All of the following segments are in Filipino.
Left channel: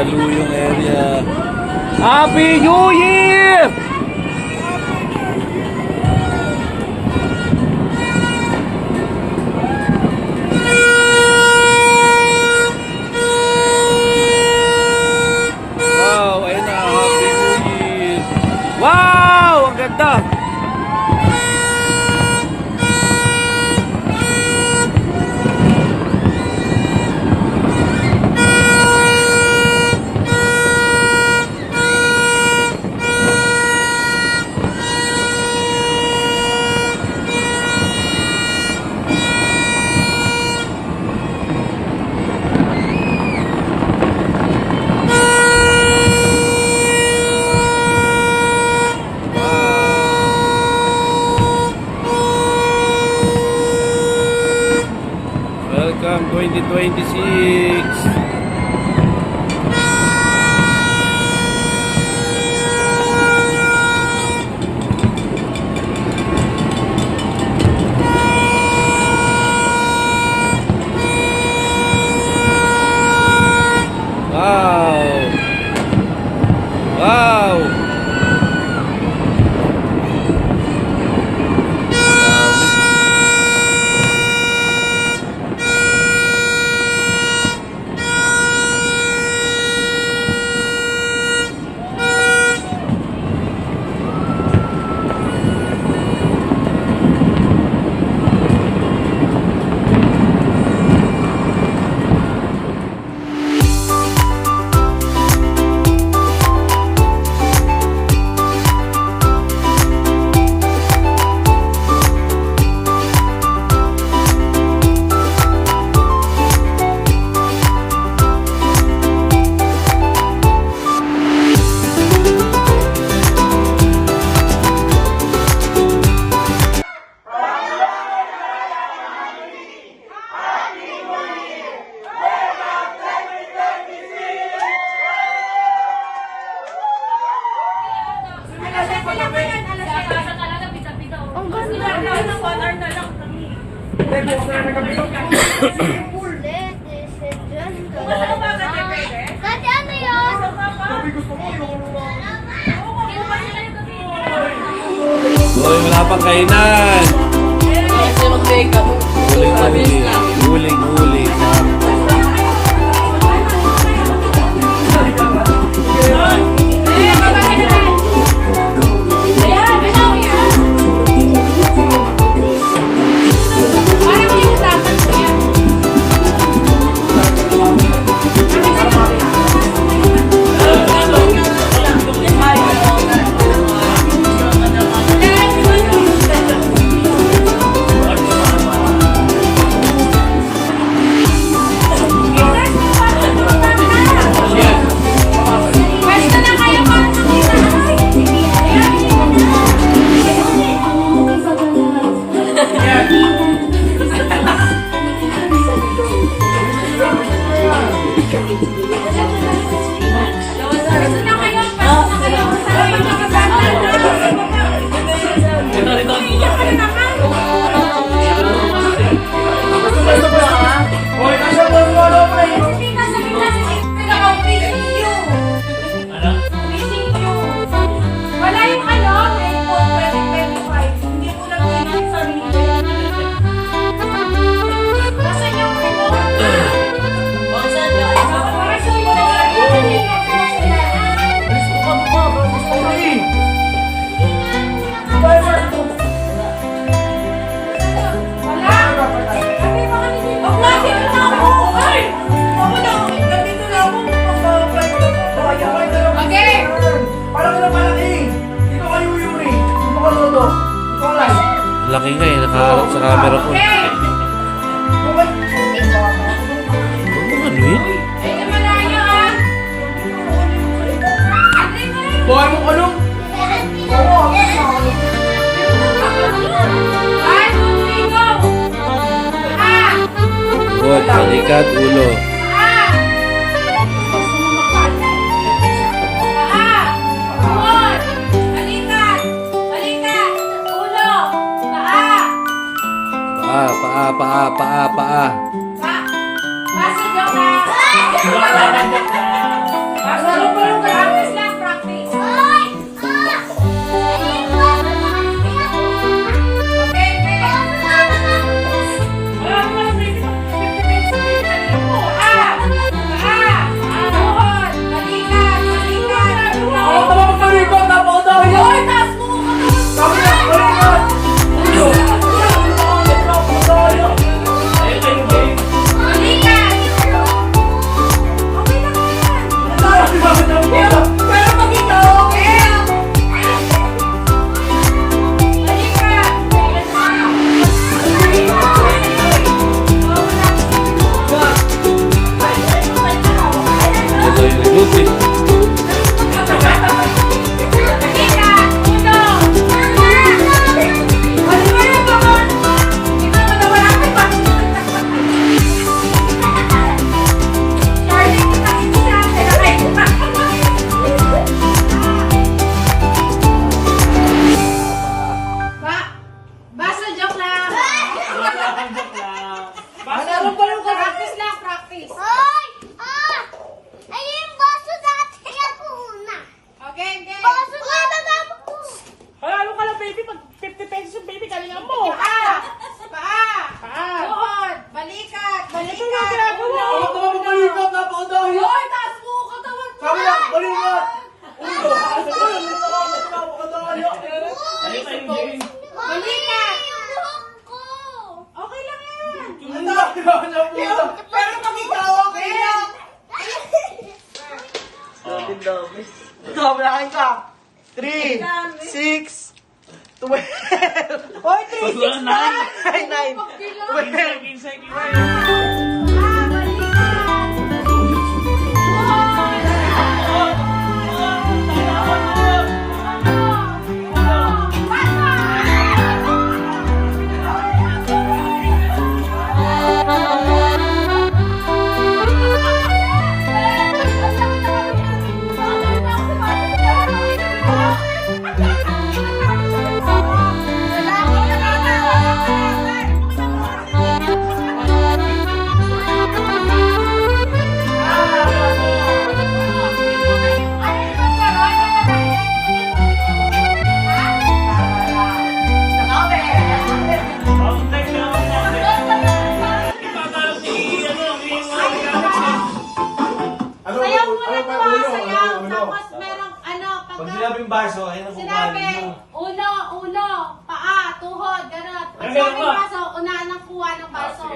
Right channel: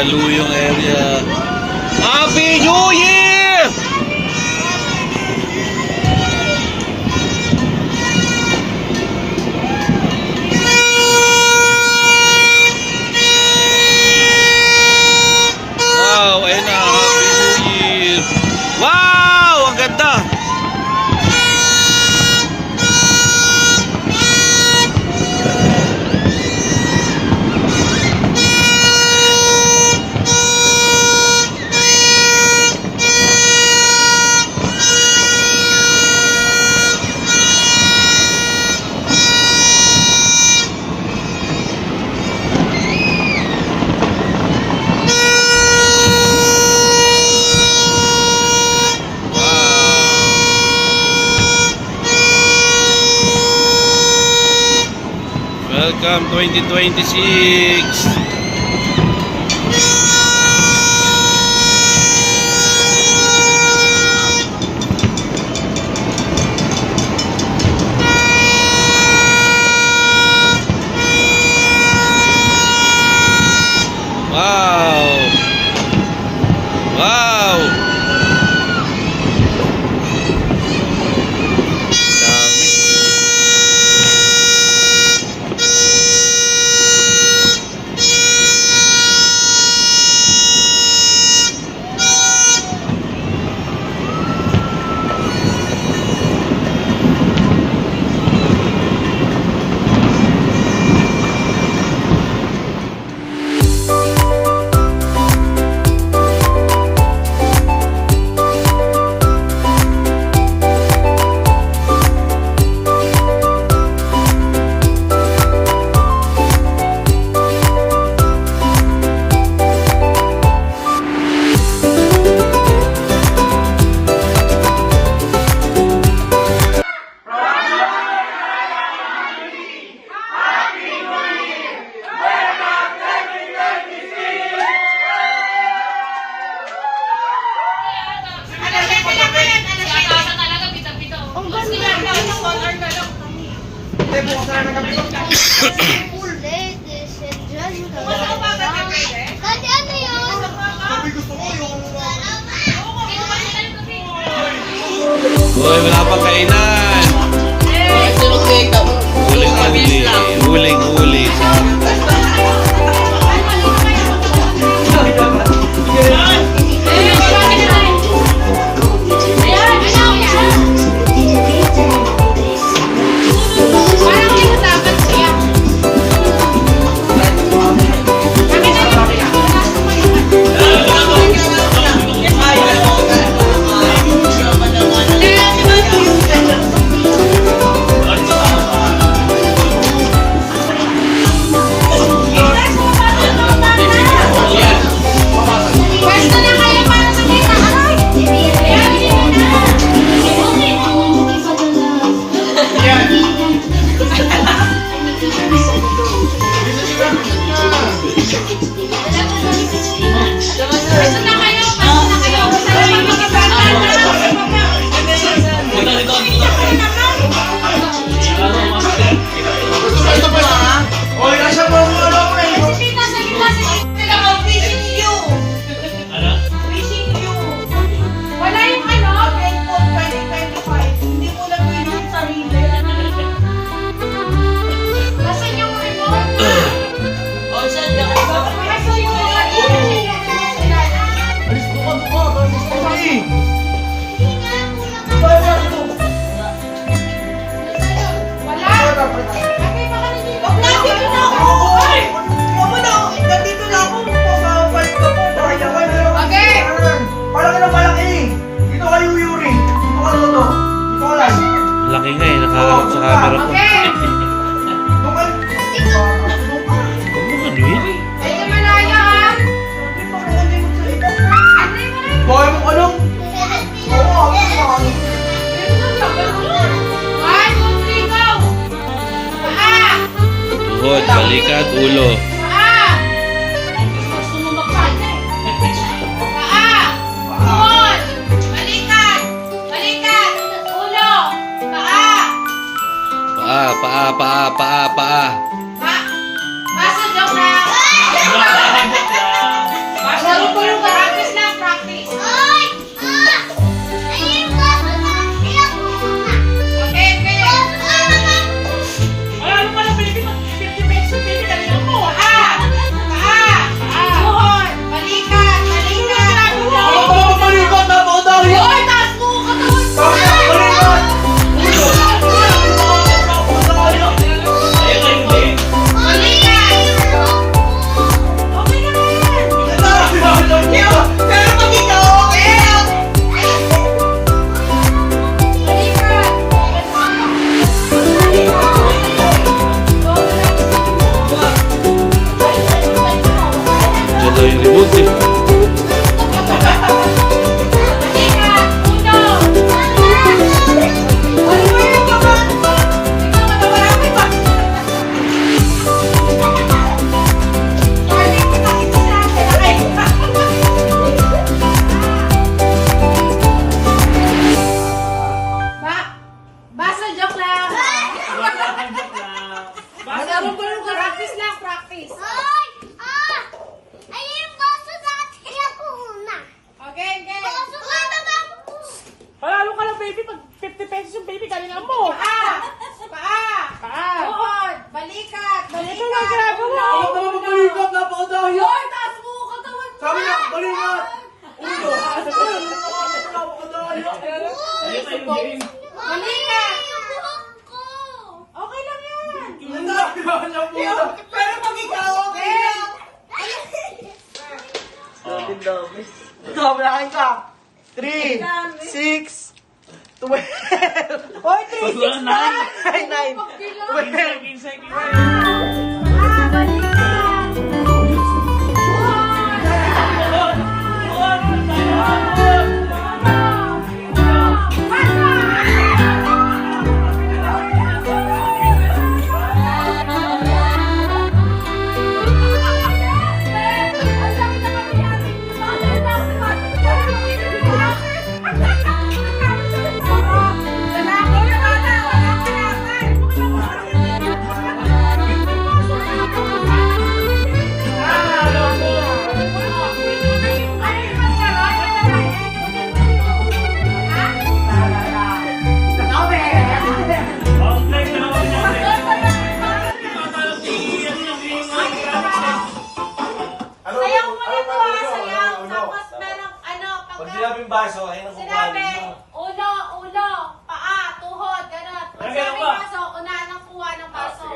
Mandaluyong area. Happy New Year! Wow, ayun na, Happy New Year! Wow! Ang ganda! Welcome 2026. Wow. Wow. Uy, wala pang kainan. Huling-huli. Huling-huli. Laki nga eh, nakaharap sa camera ko. Huwag mo kanuin. Tuhod, balikat, ulo. Paa. Pasok daw na. baby, pag 50 pesos yung baby, galingan mo. Paa. Tuhod. Balikat. Balikat. Ano ka naman balikat? Napakadahil. Hoy, taas mo katawan mo. Sabi na, balikat. Ulo. Balikat. Okay lang yan. Pero pag ikaw, okay lang. Ikaw, malakain ka. 3, 6, 12. Hoy, 3, 6, 9. 9, 12. Ayaw mo na to, ayaw. Tapos merong Pag sinabing baso, ayun ang sinabi, ulo, paa, tuhod, gano'n. Pag sinabing baso, unahan ng kuha ng baso.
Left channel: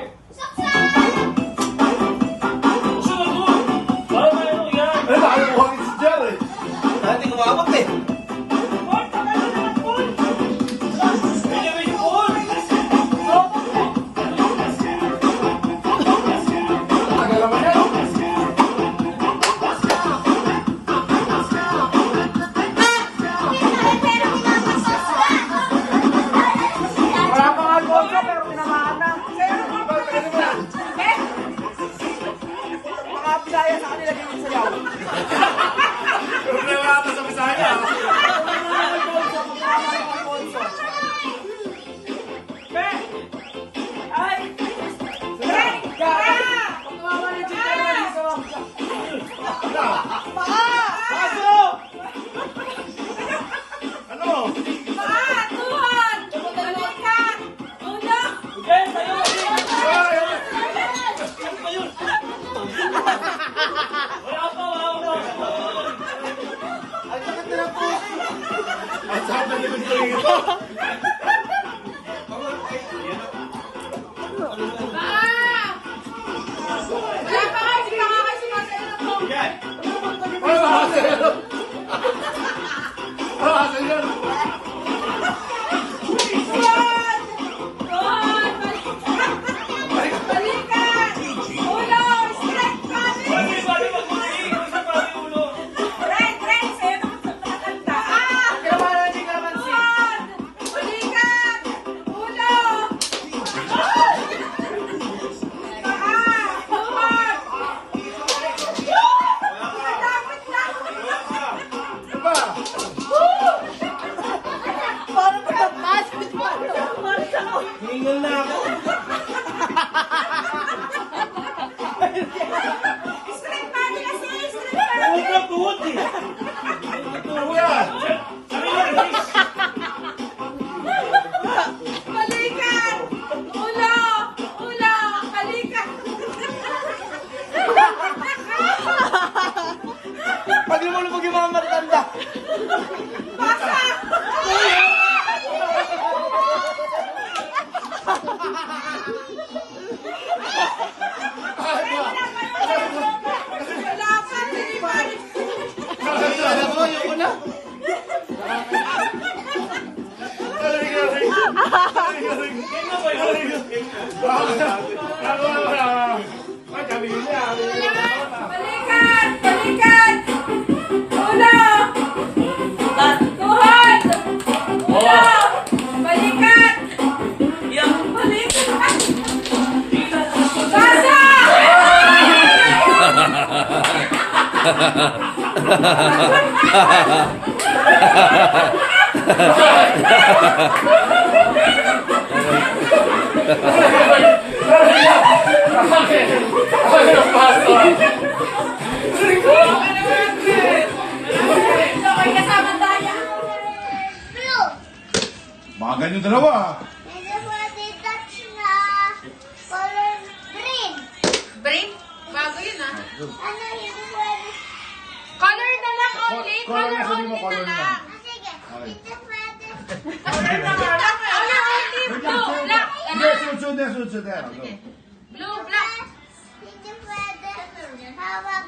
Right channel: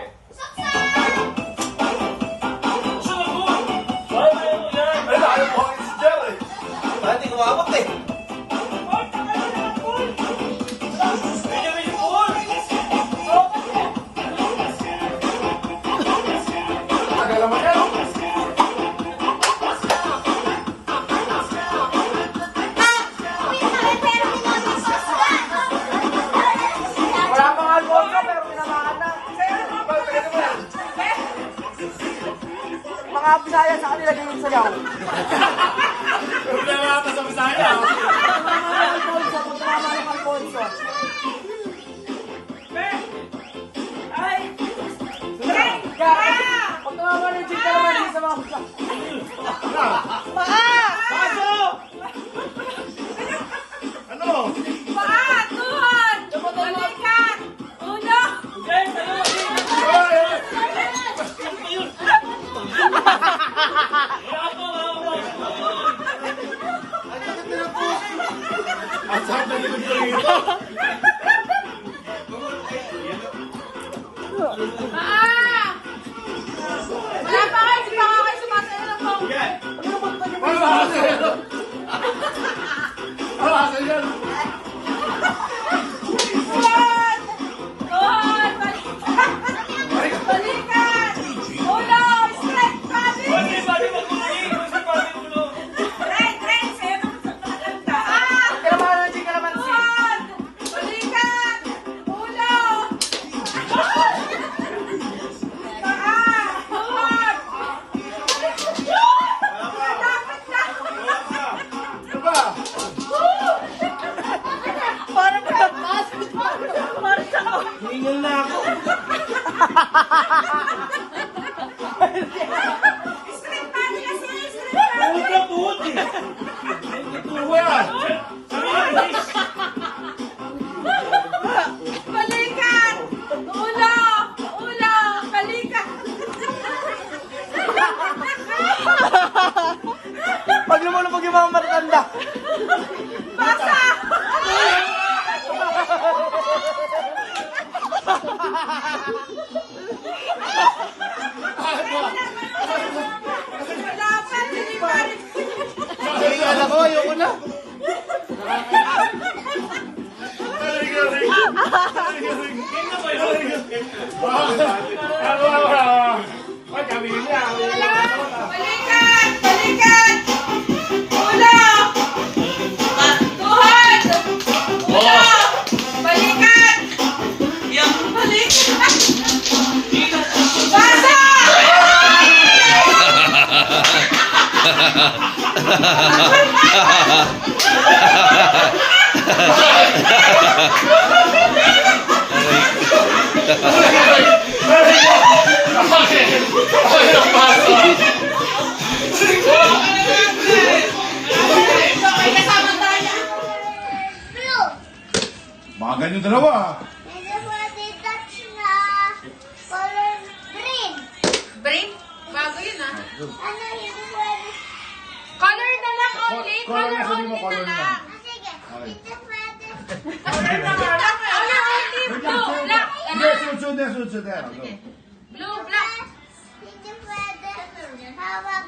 Dati kumabot eh. Mga Bisaya sa kanila ganyan sayaw. Problema ata sa Bisaya. Ay! Pag tumawa ng chikara, hindi sa mga Baso! Ano? Paa, tuhod, balikat, ulo. Okay, tayo! Ang sakit na po! Ang sarap na likod ko dito. Paa! Ay, paa, hindi ka nga kayo sumasayo ng phone. Ano ba kasi yun? Ano ba kasi yun? Tuhod! Tuhod! Balikat! Ulo! Straight body! Right, right! Sa'yo naman sa maganda. Kaya mga ng chikara man siya. Tuhod! Balikat! Ulo! Paa! Tuhod! Dapat na! Ano ba? Parang katapat! Parang sa... Hiningal na ako. Straight body kasi! Straight body! Puta, puti! Ano ba yan? Balikat! Ulo! Ulo! Balikat! Pag mo na pag yung mga matanda. Baka! Wala pa rin! Alam ko, ayoko na. Balikat! Balikat! Ulo! Tuhod! Ulo! Balikat! Balikat! Basa! Mga ganyan dalawa. Hindi pwede touch na color green. Brain? Bago yun ah. Ano, hindi pwede. Color na lang only. Color na, sabi mo, only color na na. lang. Ah, sige, hindi pwede. Color only. Blue, black. Hindi, sunod na, sunod na. Blue, black. Hindi pwede. Hawak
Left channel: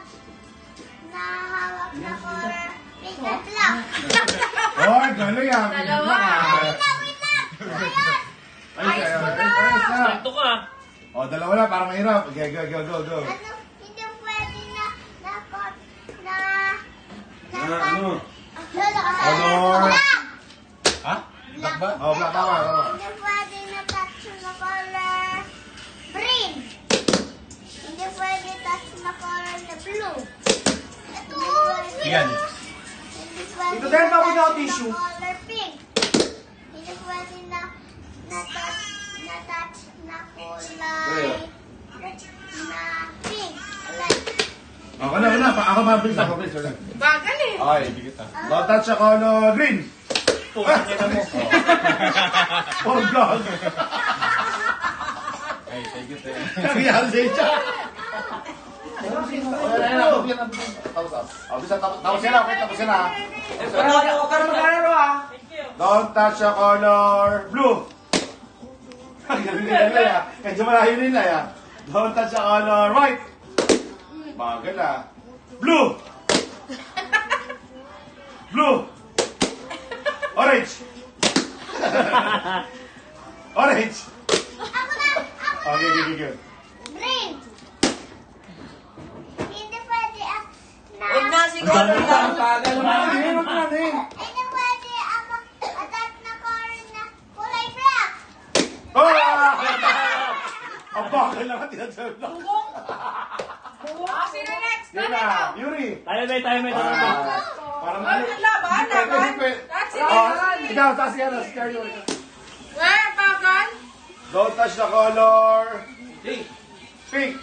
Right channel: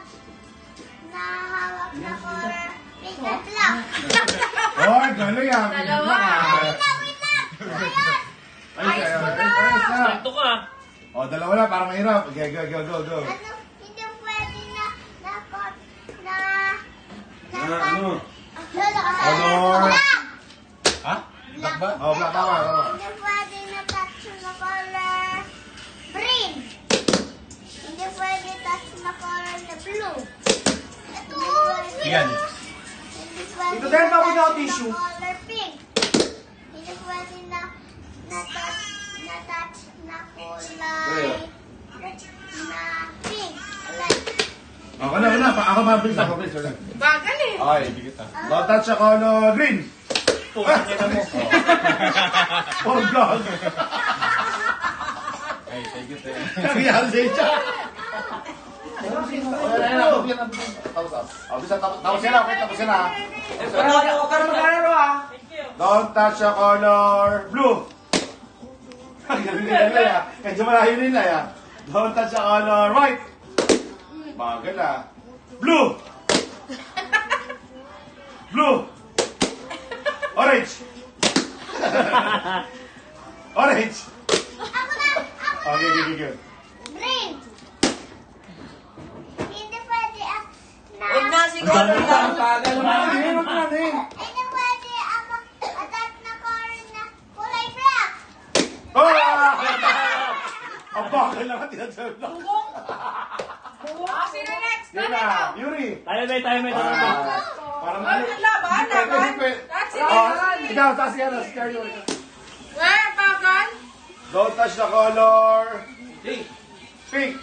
na color pink at black. Oy, galing ah. Dalawa. Wait lang. Ayun. Ayos na. Sakto ka. O, dalawa na, parang mahirap. Okay, go. Ano, hindi pwede na Ano? Color. Ha? Black ba? Oh, black, tama. Hindi pwede na touch na color green. Hindi pwede touch na color na blue. Ito. Yan. Hindi pwede Ito dahil na ako na touch tissue. na color pink. Hindi pwede na touch na kulay na pink. Ako na. Ako mabilis ako, please. Bagal eh. Okay, don't touch the color green. Putang ina mo. Oh, God. Ay, thank you. Nangyari sa itya. Tapos yan na. Huwag ka na mag-alaro ah. Don't touch the color blue. Galing nila ya. Medyo malayo nila ya. Don't touch the color white. Bagal ah. Blue. Blue. Orange. Orange. Ako na! Okay. Green. Hindi pwede Huwag na siguro lang. Bagal naman. Hindi pwede touch na color na kulay black. Oh! Ang bakal naman tinasabi lang. Sino next? Yun na, Yuri. Tayo may. Parang Laban. That's it. Ikaw, si Yuri. Where? Bagal? Don't touch the color pink.